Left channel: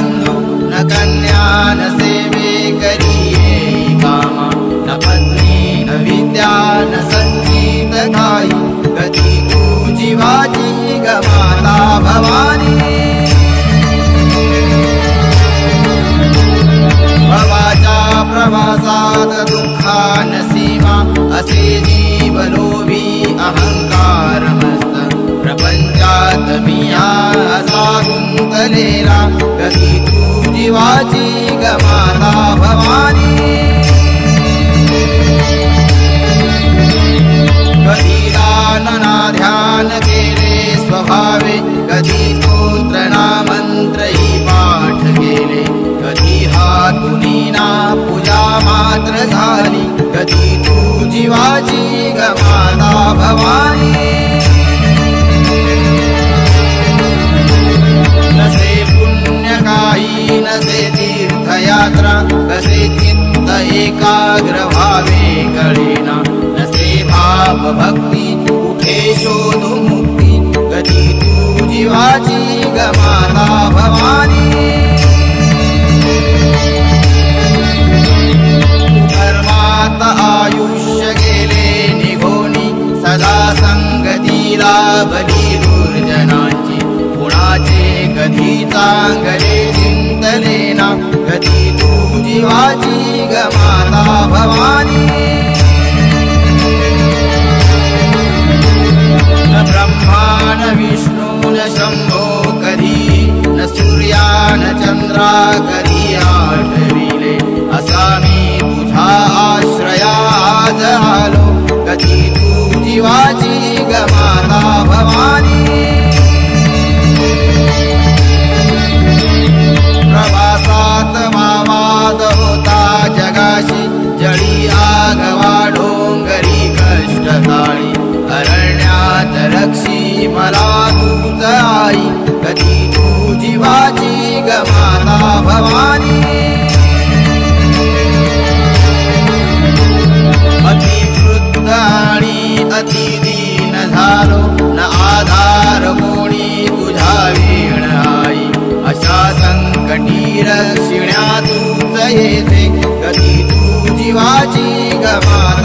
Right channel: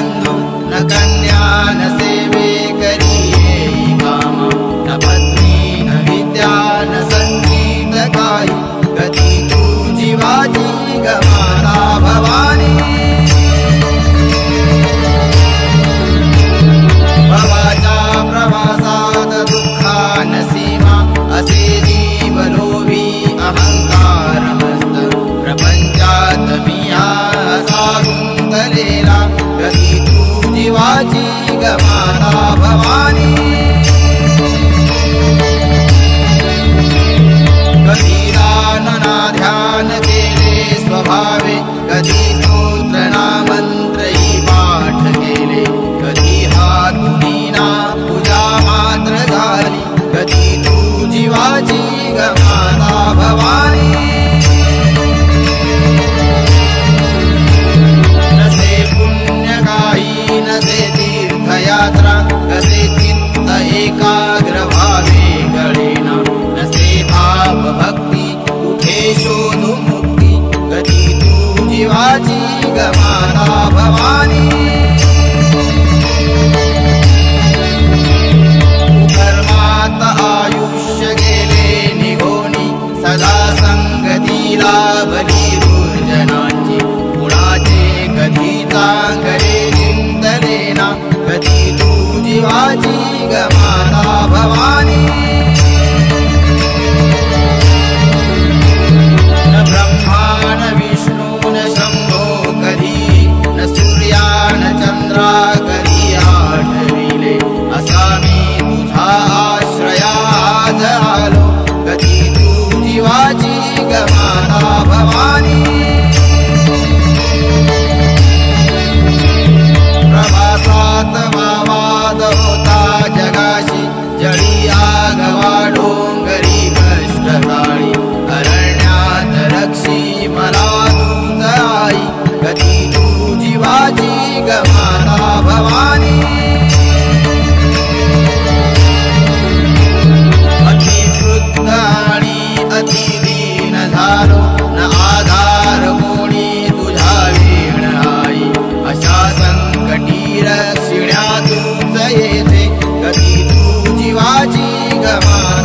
बंधू न कन्या न सेवे करिये कामा न पत्नी न विद्या न संगीत काही गती तू जीवाची गमाता भवानी भवाच्या प्रवासात दुःखान सीमा असे जीव लोभी अहंकार मस्त प्रपंचात मिया असा गुंतलेला गती तू जीवाची गमाता भवानी कधी दान ना ध्यान केले स्वभावे कधी स्तोत्र ना मंत्रही पाठ केले कधी हातुनी ना पूजा मात्र झाली कधी तू जीवाची गमाता भवानी नसे पुण्य काही नसे तीर्थयात्रा कसे चित्त एकाग्र व्हावे कळेना नसे भाव भक्ती कुठे शोधू मुक्ती कधी तू जीवाची गमाता भवानी कर्मात आयुष्य गेले निघोनी सदा संगतीला बली दुर्जनांची कुणाचे कधी चांगले चिंतलेना कधी तू जीवाची गमाता भवानी न ब्रह्मा न विष्णू न शंभो कधी न सूर्या न चंद्रा कधी आठविले असा मी तुझा आश्रया आज आलो कधी तू जीवाची गमाता भवानी प्रवासात वाद होता जगाशी जळी आगवा डोंगरी कष्टकाळी अरण्यात रक्षी मला तूच आई कधी तू जीवाची गमाता भवानी अतिवृद्ध आणि अतिदीन झालो न आधार कोणी तुझा वीण आई अशा संकटी रक्षिण्या तूच येते कधी तू जीवाची गमाता